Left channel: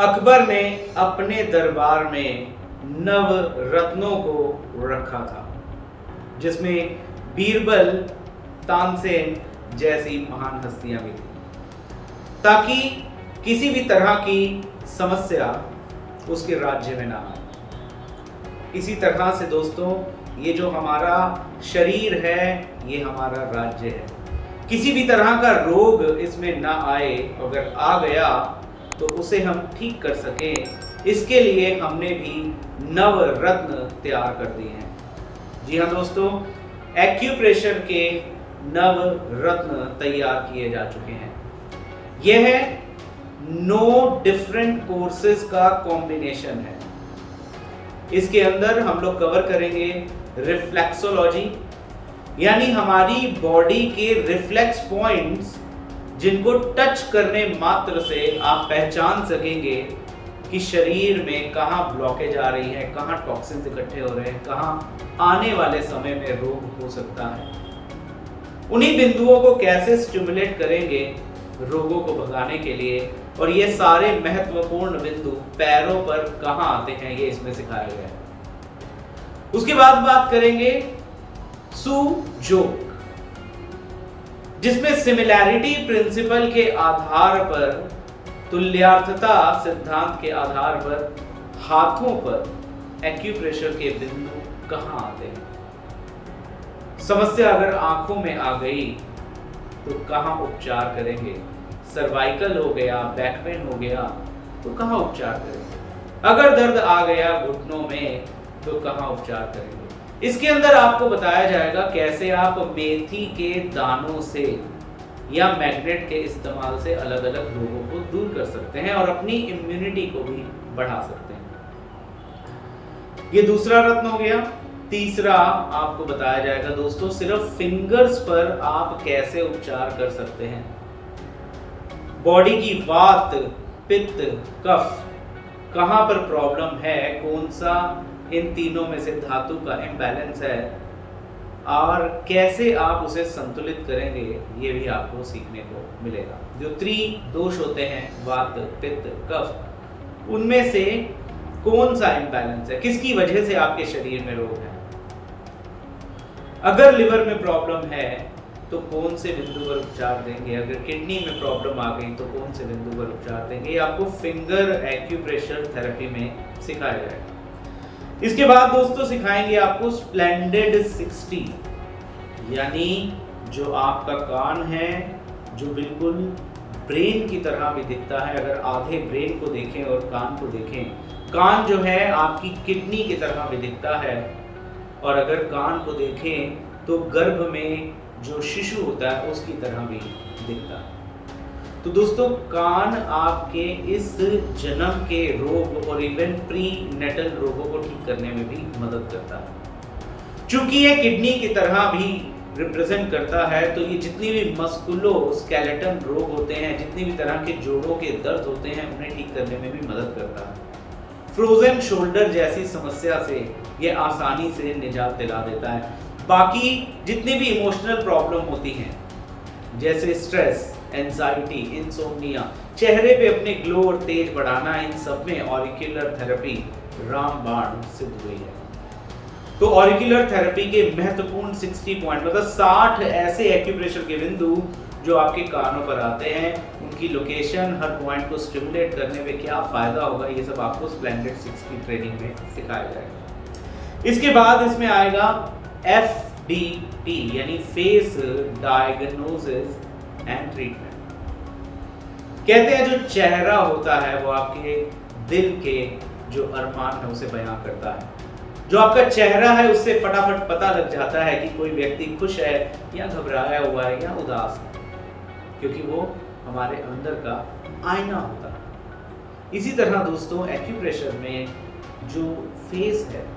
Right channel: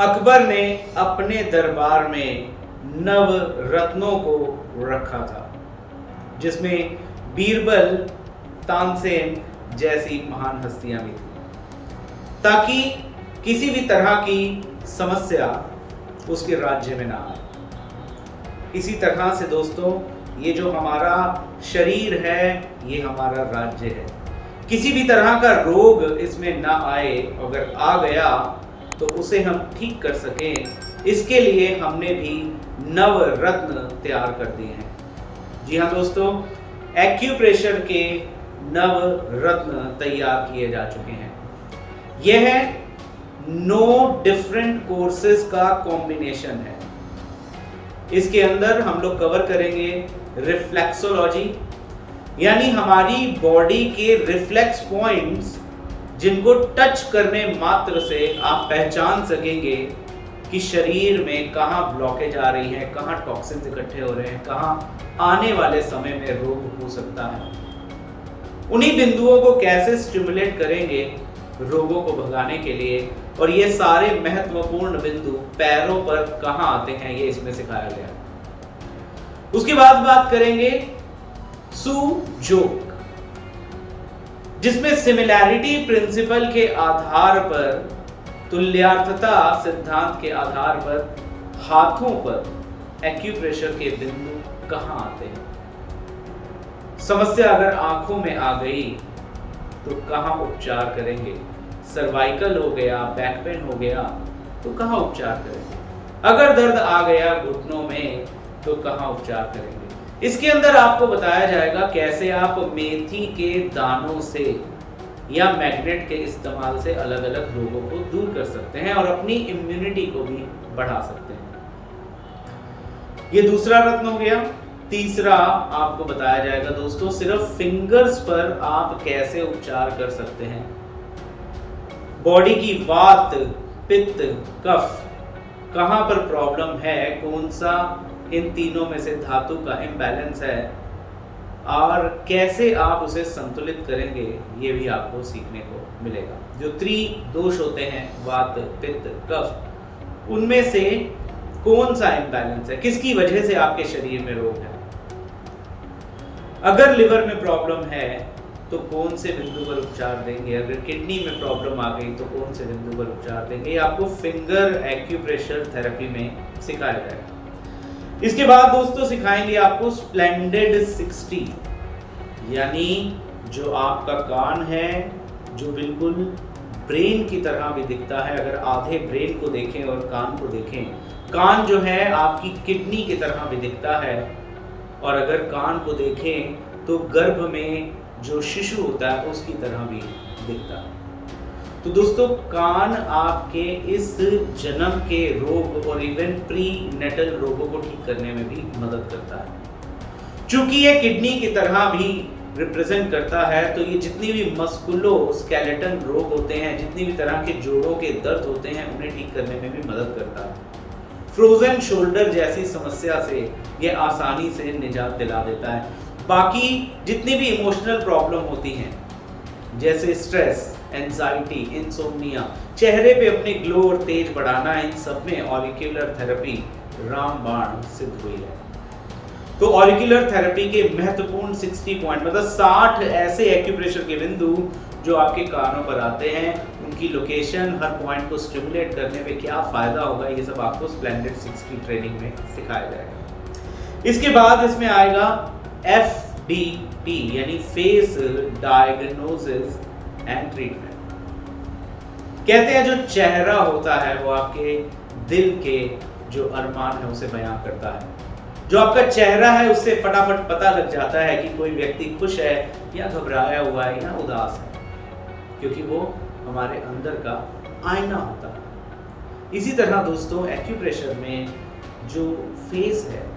अकबर ने अपने दरबार में नव रत्नों को रखा था, जिसमें बीरबल, तानसेन जैसी महान हस्तियां भी थी, ताकि किसी भी तरह की समस्या उसके राज्य में ना आए। इसी तरह से दोस्तों, ये जो हमारा शरीर है, ये हमारा राज्य है। किसी भी तरह का रोग इसमें ना आए, अगर आ गया तो उसे हम ठीक कर सकें, इसके लिए हमने भी नव रत्न तैयार कर दिए हैं। जी हाँ दोस्तों, एक्यूप्रेशर के नव रत्न तैयार किए जा चुके हैं। यह 9 डिफरेंट कोर्सेज का कॉम्बिनेशन है। इसके अंदर हम लोग कवर करेंगे रिफ्लेक्सोलॉजी, यानी हमारी बॉडी के रिफ्लेक्स पॉइंट्स, जिनको टच करने मात्र से आप पहचान सकेंगे कि शरीर में कहाँ ब्लॉकेज आ रही है, कहाँ टॉक्सिन्स इकट्ठे हो रहे हैं, कहाँ आने वाले समय में रोग हो सकता है। उन्हीं बिंदुओं को कैसे स्टिमुलेट करेंगे रोगों को भगाने के लिए, और ये सारे महत्वपूर्ण बिंदु पैरों पर कहाँ आते हैं, ये इसमें सिखाया गया है। उसके बाद बात करेंगे सुजोग, जिसमें सिमिलैरिटी प्रिंसिपल के आधार पर, तुल्यार्थता सिद्धांत के आधार पर हाथों पर एक्यूप्रेशर के बिंदु कहां आते हैं। समस्या अगर आंखों में आ गई तो कहां उपचार करेंगे। सर्वाइकल हो गया, बैक पेन हो गया तो कहां उपचार करेंगे। अगर दर्द आ गया घुटनों में तो कहां उपचार करेंगे। इसके अंदर आपको बताया जाएगा कैसे आप मेथी के दानों से या मैग्नेट के इस्तेमाल से अलग अलग रोगों को दूर कर सकते हैं और अपनी इम्यूनिटी को भी बढ़ा सकते हैं। ये दूसरा रत्न हो गया। तीसरा आपको बताया जाएगा दोस्तों, सिर्फ फिंगर्स पर आप कैसे उपचार कर सकते हैं। बॉडी की वात, पित्त, कफ कहां पर प्रॉब्लम है, कौन सा इन तीनों में से धातु का इम्बैलेंस है और कैसे आप उसे संतुलित करेंगे, ये भी आपको सीखने को मिलेगा। जो त्रिदोष होते हैं, वात, पित्त, कफ, उनमें से कौन सा इम्बैलेंस है, किसकी वजह से आपके शरीर में रोग है। अगर लिवर में प्रॉब्लम है तो कौन से बिंदु पर उपचार देंगे। अगर किडनी में प्रॉब्लम आ गई तो कौन से बिंदु पर उपचार देंगे। ये आपको फिंगर एक्यूप्रेशर थेरेपी में सिखाया जाएगा। इसके बाद दोस्तों सिखाएंगे आपको स्प्लेंडेड 60, यानी जो आपका कान है, जो बिल्कुल ब्रेन की तरह भी दिखता है। अगर आधे ब्रेन को देखें और कान को देखें, कान जो है आपकी किडनी की तरह भी दिखता है, और अगर कान को देखें तो गर्भ में जो शिशु होता है उसकी तरह भी दिखता है। तो दोस्तों, कान आपके इस जन्म के रोग और इवन प्री नेटल रोगों को ठीक करने में भी मदद करता है। चूंकि ये किडनी की तरह भी रिप्रेजेंट करता है, तो ये जितनी भी मस्कुलो स्केलेटन रोग होते हैं, जितनी भी तरह के जोड़ों के दर्द होते हैं, उन्हें ठीक करने में भी मदद करता है। फ्रोजन शोल्डर जैसी समस्या से ये आसानी से निजात दिला देता है। बाकी जितनी भी इमोशनल प्रॉब्लम होती हैं, जैसे स्ट्रेस, एंजाइटी, इंसोम्निया, चेहरे पे अपने ग्लो और तेज बढ़ाना, इन सब में ऑरिकुलर थेरेपी रामबाण सिद्ध हुई है। तो ऑरिकुलर थेरेपी के महत्वपूर्ण 60 पॉइंट, मतलब 60 ऐसे एक्यूप्रेशर के बिंदु जो आपके कानों पर आते हैं, उनकी लोकेशन, हर पॉइंट को स्टिमुलेट करने पे क्या फायदा होगा, ये सब आपको स्प्लेंडेड 60 ट्रेनिंग में सिखाया जाएगा। इसके बाद इसमें आएगा FDT, यानी फेस डायग्नोसिस एंड ट्रीटमेंट। कहते हैं जो चेहरा होता है वो आपके दिल के जो अरमान है उसे बयां करता है। जो आपका चेहरा है उससे फटाफट पता लग जाता है कि कोई व्यक्ति खुश है या घबराया हुआ है या उदास है, क्योंकि वो हमारे अंदर का आईना होता है। इसी तरह दोस्तों, एक्यूप्रेशर में जो फेस है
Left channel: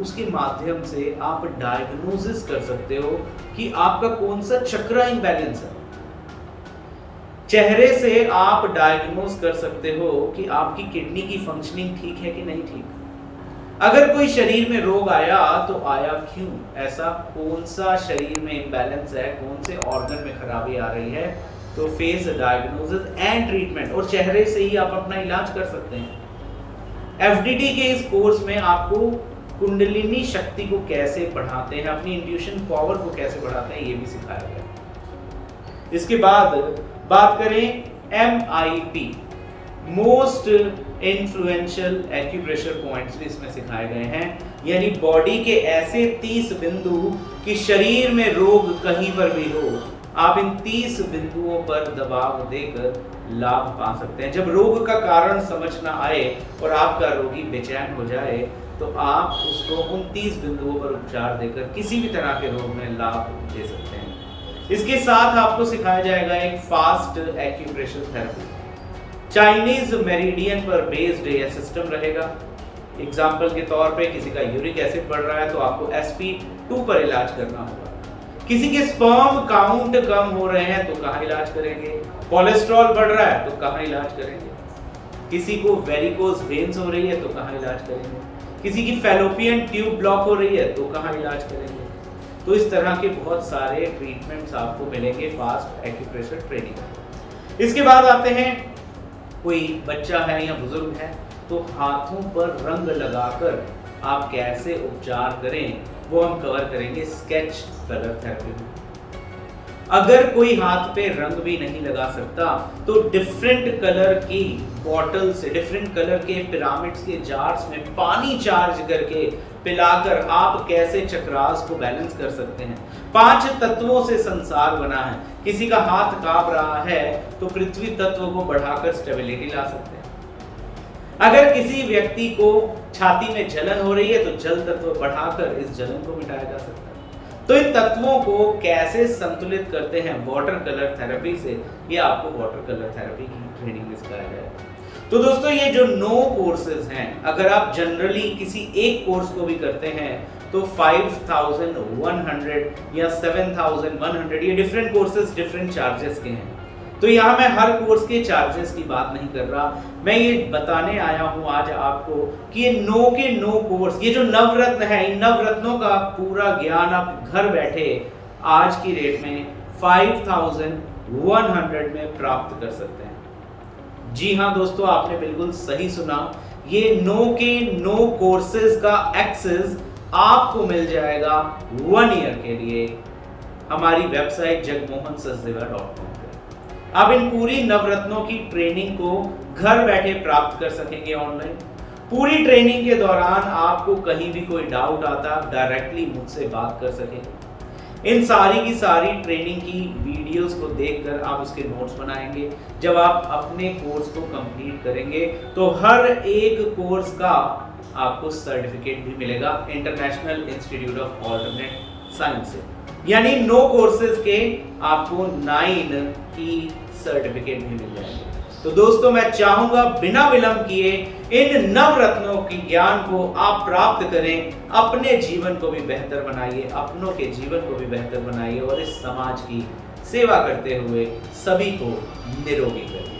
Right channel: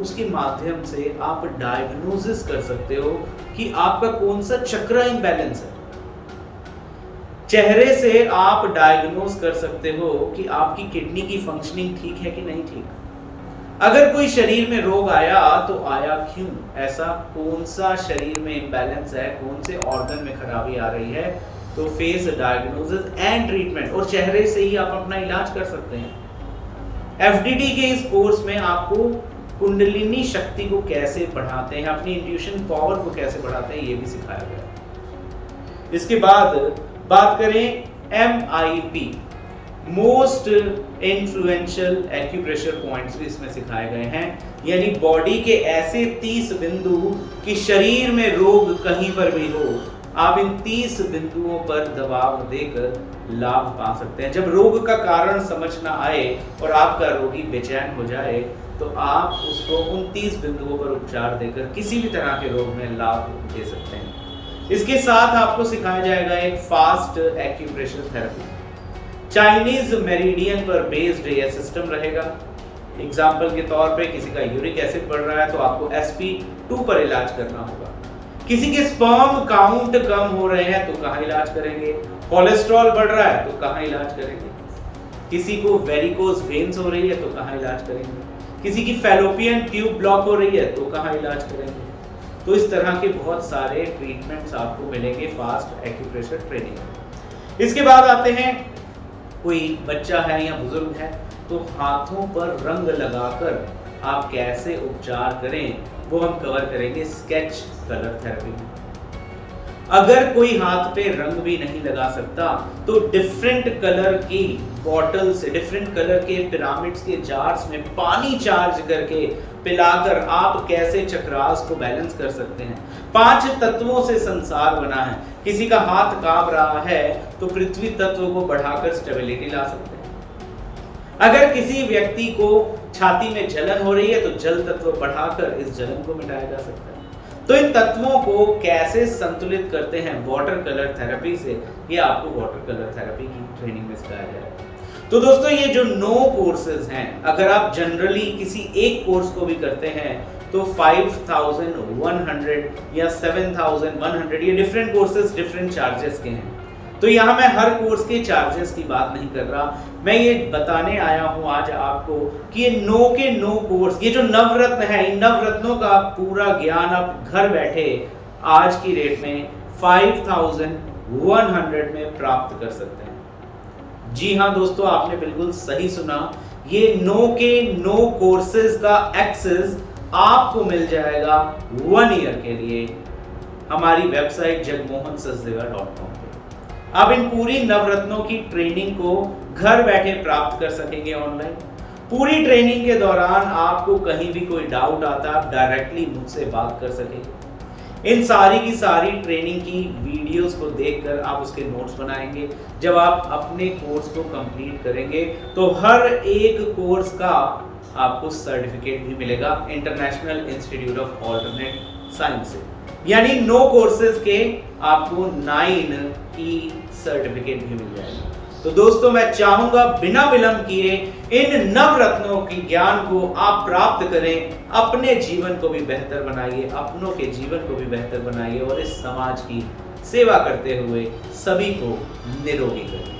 उसके माध्यम से आप डायग्नोसिस कर सकते हो कि आपका कौन सा चक्रा इम्बैलेंस है। चेहरे से आप डायग्नोज कर सकते हो कि आपकी किडनी की फंक्शनिंग ठीक है कि नहीं ठीक। अगर कोई शरीर में रोग आया तो आया क्यों, ऐसा कौन सा शरीर में इम्बैलेंस है, कौन से ऑर्गन में खराबी आ रही है, तो फेस डायग्नोसिस एंड ट्रीटमेंट, और चेहरे से ही आप अपना इलाज कर सकते हैं। एफडीटी के इस कोर्स में आपको कुंडलिनी शक्ति को कैसे बढ़ाते हैं, अपनी इंट्यूशन पावर को कैसे बढ़ाते हैं, ये भी सिखाया गया है। इसके बाद बात करें MIP, most influential acupressure points भी इसमें सिखाए गए हैं, यानी बॉडी के ऐसे 30 बिंदु कि शरीर में रोग कहीं पर भी हो, आप इन 30 बिंदुओं पर दबाव देकर लाभ पा सकते हैं। जब रोग का कारण समझ ना आए और आपका रोगी बेचैन हो जाए तो आप उसको उन 30 बिंदुओं पर उपचार देकर किसी भी तरह के रोग में लाभ दे सकते हैं। इसके साथ आपको सिखाया जाएगा एक fast acupressure therapy, Chinese meridian पर बेस्ड यह सिस्टम रहेगा। एग्जाम्पल के तौर पे किसी का यूरिक एसिड बढ़ रहा है तो आपको SP2 पर इलाज करना होगा। किसी के स्पर्म काउंट कम हो रहे हैं तो कहाँ इलाज करेंगे, कोलेस्ट्रॉल बढ़ रहा है तो कहाँ इलाज करेंगे, किसी को वेरिकोज वेन्स हो रही है तो कहाँ इलाज करेंगे, किसी की फैलोपियन ट्यूब ब्लॉक हो रही है तो कहाँ इलाज करेंगे। तो इस तरह के बहुत सारे ट्रीटमेंट्स आपको मिलेंगे फास्ट एक्यूप्रेशर ट्रेनिंग में। इसके बाद आते हैं, कोई बच्चा है या बुजुर्ग है तो हाथों पर रंग लगाकर आप कैसे उपचार करें वो हम कवर करेंगे स्केच कलर थेरेपी में। अगर कोई हाथ पे रंग भी नहीं लगा सकता तो डिफरेंट कलर की बॉटल से, डिफरेंट कलर के पिरामिड्स के जार्स में पानी चार्ज करके पिलाकर आप कैसे चक्रास को बैलेंस कर सकते हैं। 5 तत्वों से संसार बना है, किसी का हाथ कांप रहा है तो पृथ्वी तत्व को बढ़ाकर स्टेबिलिटी ला सकते हैं। अगर किसी व्यक्ति को छाती में जलन हो रही है तो जल तत्व बढ़ाकर इस जलन को मिटाया जा सकता है। तो इन तत्वों को कैसे संतुलित करते हैं वाटर कलर थेरेपी से, ये आपको वाटर कलर थेरेपी की ट्रेनिंग में सिखाया जाएगा। तो दोस्तों ये जो 9 कोर्सेज हैं, अगर आप जनरली किसी एक कोर्स को भी करते हैं तो 5100 या 7100, ये डिफरेंट कोर्सेज डिफरेंट चार्जेस के हैं। तो यहाँ मैं हर कोर्स के चार्जेस की बात नहीं कर रहा, मैं ये बताने आया हूँ आज आपको कि ये 9 के 9 कोर्स, ये जो नवरत्न है, इन नवरत्नों का पूरा ज्ञान आप घर बैठे आज की रेट में 5100 में प्राप्त कर सकते हैं। जी हाँ दोस्तों, आपने बिल्कुल सही सुना, ये 9 के 9 कोर्सेज का एक्सेस आपको मिल जाएगा 1 ईयर के लिए हमारी वेबसाइट jagmohansachdeva.com पे। आप इन पूरी नवरत्नों की ट्रेनिंग को घर बैठे प्राप्त कर सकेंगे ऑनलाइन। पूरी ट्रेनिंग के दौरान आपको कहीं भी कोई डाउट आता, आप डायरेक्टली मुझसे बात कर सकेंगे। इन सारी की सारी ट्रेनिंग की वीडियोस को देखकर आप उसके नोट्स बनाएंगे। जब आप अपने कोर्स को कंप्लीट करेंगे तो हर एक कोर्स का आपको सर्टिफिकेट भी मिलेगा international institute of alternate science से, यानी 9 कोर्सेज के आपको 9 की सर्टिफिकेट भी मिल जाएगी। तो दोस्तों मैं चाहूंगा बिना विलंब किए इन नवरत्नों की ज्ञान को आप प्राप्त करें, अपने जीवन को भी बेहतर बनाइए, अपनों के जीवन को भी बेहतर बनाइए और इस समाज की सेवा करते हुए सभी को निरोगी करिए।